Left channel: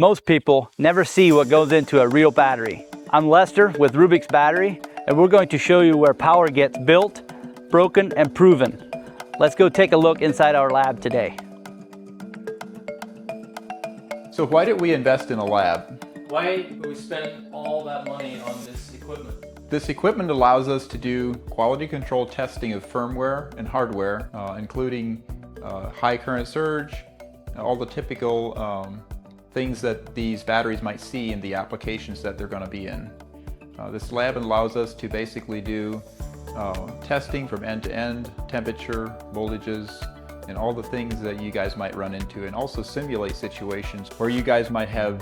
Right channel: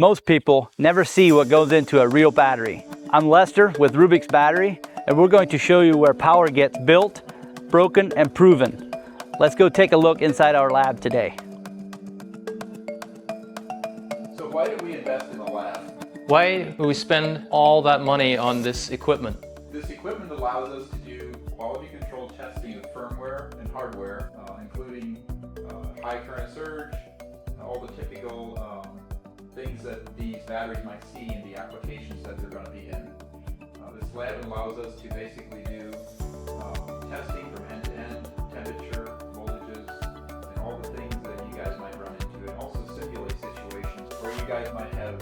Most people never see what goes into a real battery. I'm Lester with Rubix Battery, and we're going to show you where power gets built, broken, and proven. Let's go take a look inside our lab today. So why did we invest in a lab? Why do we spend all that money on this equipment? This equipment allows us to do quality control testing of firmware and hardware, including high current surge, all the typical things that these batteries might see in the applications that they're going to be in. This lab allows us to basically do testing from end to end, temperature, voltages, and all the things that you guys might run into, and also simulate situations where you guys might have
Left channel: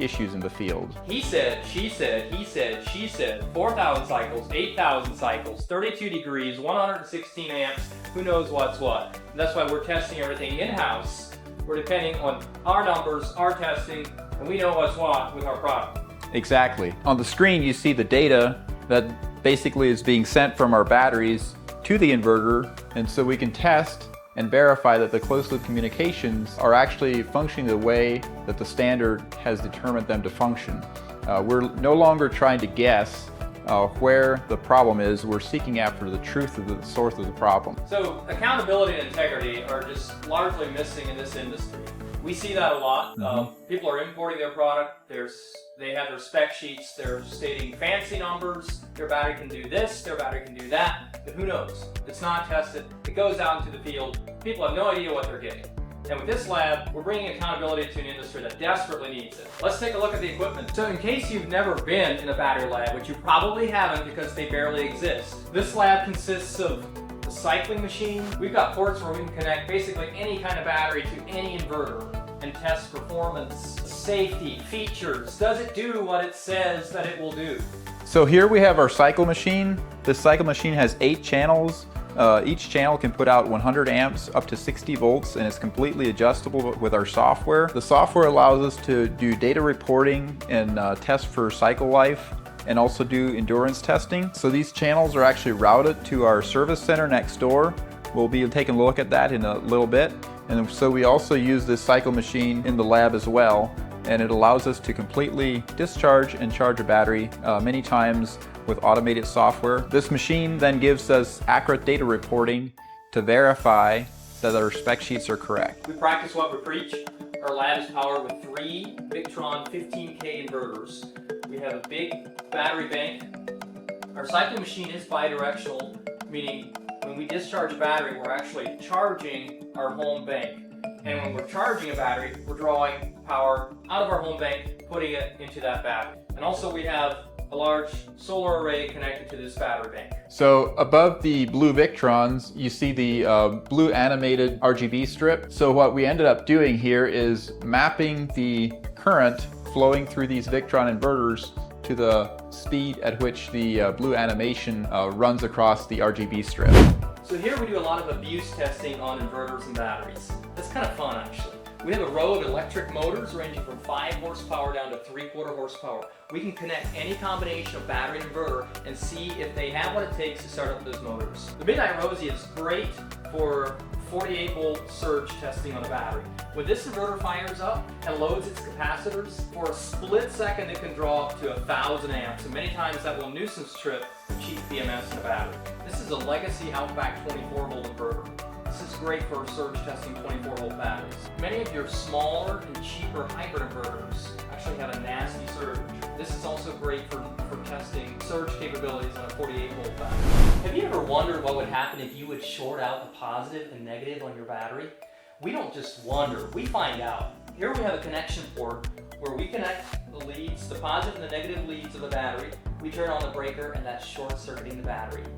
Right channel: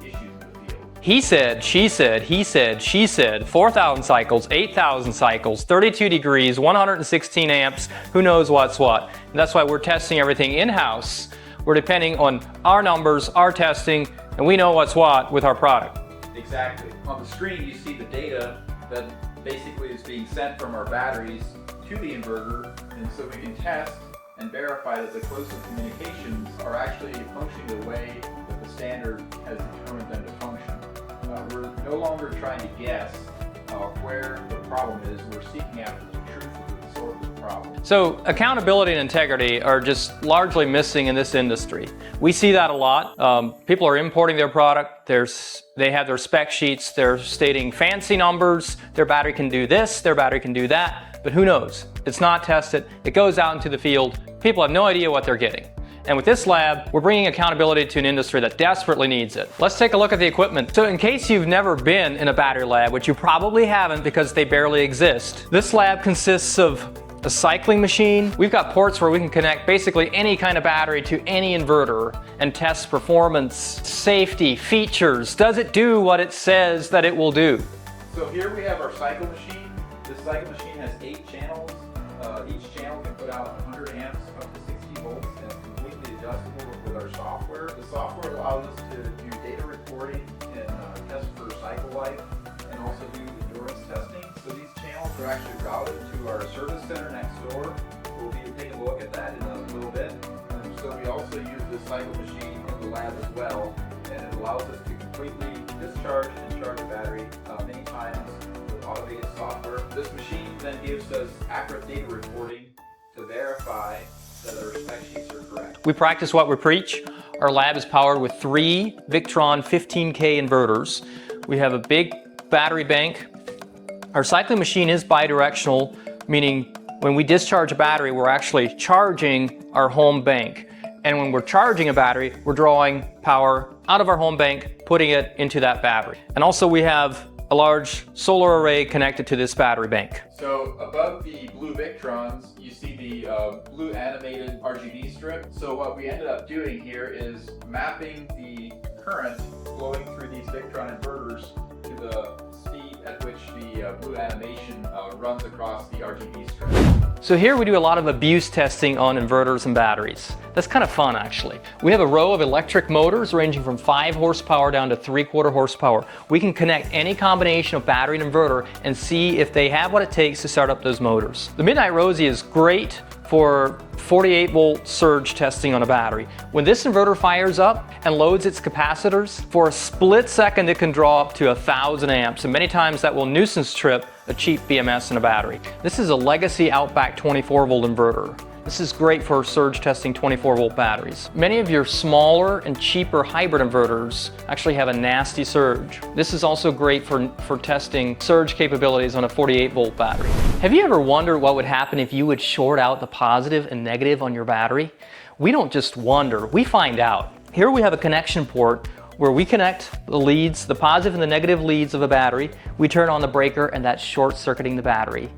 issues in the field. He said, she said, he said, she said, 4,000 cycles, 8,000 cycles, 32 degrees, 116 amps, who knows what's what. And that's why we're testing everything in-house. We're depending on our numbers, our testing, and we know what's what with our product. Exactly. On the screen you see the data that basically is being sent from our batteries to the inverter, and so we can test and verify that the closed-loop communications are actually functioning the way that the standard has determined them to function. We're no longer trying to guess where the problem is. We're seeking after the truth of the source of the problem. So accountability and integrity are just largely missing in this industry. We see that a lot. People are importing their product. They have their spec sheets. They're stating fancy numbers. Their battery can do this, their battery can do that, but who knows? It's not tested. It goes out into the field. People have no idea what they're getting. And with this lab, we're bringing accountability to an industry that desperately needs it. Let's take a look at the equipment. So in case you've never been in a battery lab, which you probably haven't because they barely exist, this lab consists of a cycling machine. We've got ports where we can connect basically any kind of battery to any inverter and test performance, safety, features. Does it do what it says that it will do? So here we have our cycle machine. This cycle machine has 8 channels. Each channel can put out 100 amps up to 60 volts, and it's completely adjustable with our software. The software allows us to do data reporting and test for cycle life, and also do endurance testing. So these channels are actually routed to our service center next door. We'll be taking a look at that in a little bit. And so we also use this cycle machine in the lab as well, and it allows us to completely discharge and charge a battery many times with automated software. This machine then gives us accurate data reporting to verify that our spec sheets are correct. We practice what we preach. Our lab is powered with 3 Victron 15K inverters. We have a big battery bank. Our cycling machine is bidirectional, meaning when we discharge a battery, we're actually charging our home bank. And when we're charging a battery, we're drawing power out of our home bank, putting it into that battery. And also we have a large solar array connected to this battery bank. So above the blue Victrons, you see the blue animated RGB strip. So what we ended up doing here is mapping the current flowing through these Victron inverters to the speed at which the blue animation runs across the RGB strip. So here we do a lot of abuse testing on inverters and batteries. That's kind of fun actually. We have a row of electric motors ranging from 5 horsepower down to 3/4 horsepower. We can connect any combination of battery and inverter and see if they have what it takes to start up those motors. The Midnight Rosie is great for 48 volt surge testing on a battery. When this inverter fires up and loads its capacitors, for a split second it can draw up to 1,000 amps, and many times that will nuisance trip a cheap BMS in a battery. This is a legacy Outback 24 volt inverter. This is great for surge testing 24 volt batteries. Many of your smaller and cheaper hybrid inverters actually have a nasty surge. This is also great for testing surge capabilities on a 48 volt battery. Have you ever wondered what would happen if you would short out the positive and negative on your battery? We don't just wonder, we find out. Here we have a connection port where we connect the leads, the positive and the negative leads of a battery. We turn on the breaker and that's short-circuiting the battery.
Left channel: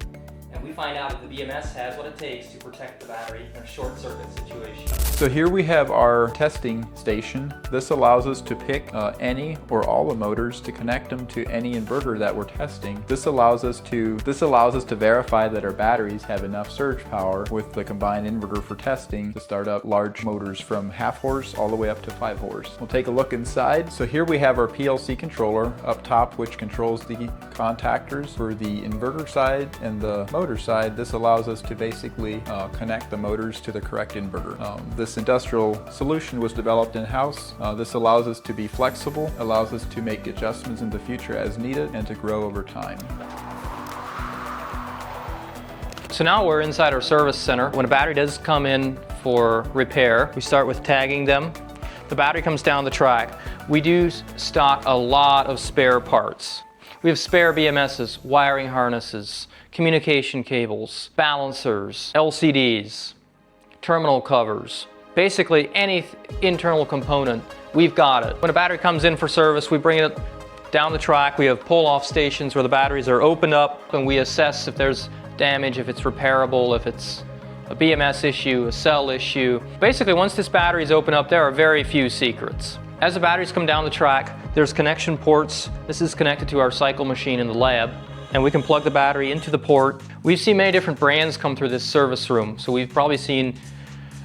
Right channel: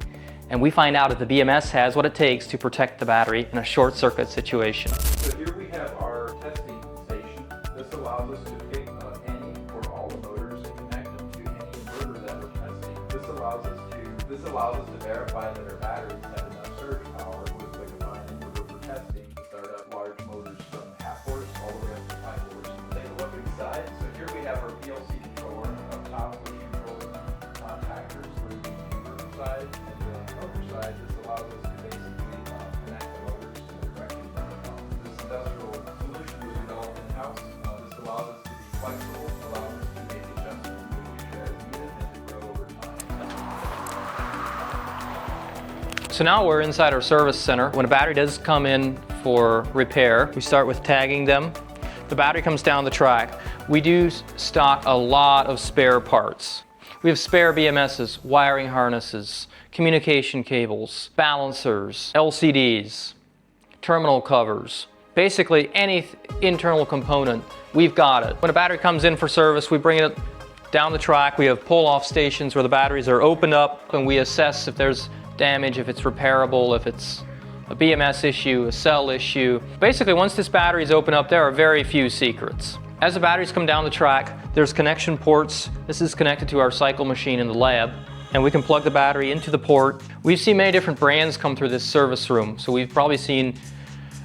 And we find out if the BMS has what it takes to protect the battery in a short circuit situation. So here we have our testing station. This allows us to pick any or all the motors to connect them to any inverter that we're testing. This allows us to verify that our batteries have enough surge power with the combined inverter for testing to start up large motors from 1/2 horse all the way up to 5 horse. We'll take a look inside. So here we have our PLC controller up top, which controls the contactors for the inverter side and the motor motor side, this allows us to basically connect the motors to the correct inverter. This industrial solution was developed in-house. This allows us to be flexible, allows us to make adjustments in the future as needed, and to grow over time. So now we're inside our service center. When a battery does come in for repair, we start with tagging them. The battery comes down the track. We do stock a lot of spare parts. We have spare BMSs, wiring harnesses, communication cables, balancers, LCDs, terminal covers. Basically any internal component, we've got it. When a battery comes in for service, we bring it down the track. We have pull-off stations where the batteries are opened up and we assess if there's damage, if it's repairable, if it's a BMS issue, a cell issue. Basically, once this battery is opened up, there are very few secrets. As the batteries come down the track, there's connection ports. This is connected to our cycle machine in the lab, and we can plug the battery into the port. We've seen many different brands come through this service room, so we've probably seen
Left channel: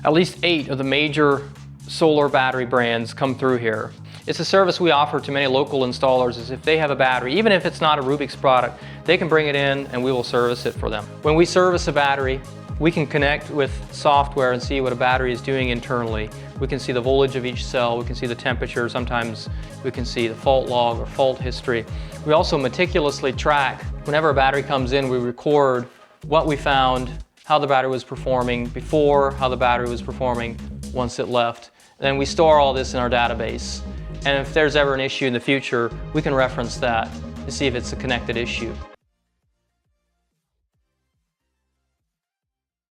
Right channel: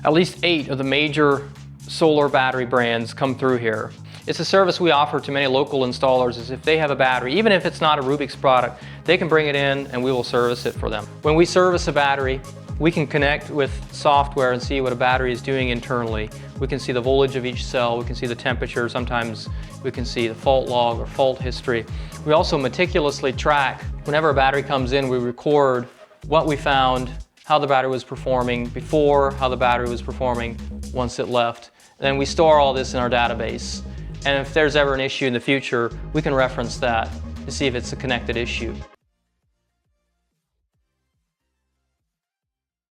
at least 8 of the major solar battery brands come through here. It's a service we offer to many local installers, is if they have a battery, even if it's not a Rubix product, they can bring it in and we will service it for them. When we service a battery, we can connect with software and see what a battery is doing internally. We can see the voltage of each cell, we can see the temperature, sometimes we can see the fault log or fault history. We also meticulously track, whenever a battery comes in, we record what we found, how the battery was performing before, how the battery was performing once it left. Then we store all this in our database. And if there's ever an issue in the future, we can reference that to see if it's a connected issue.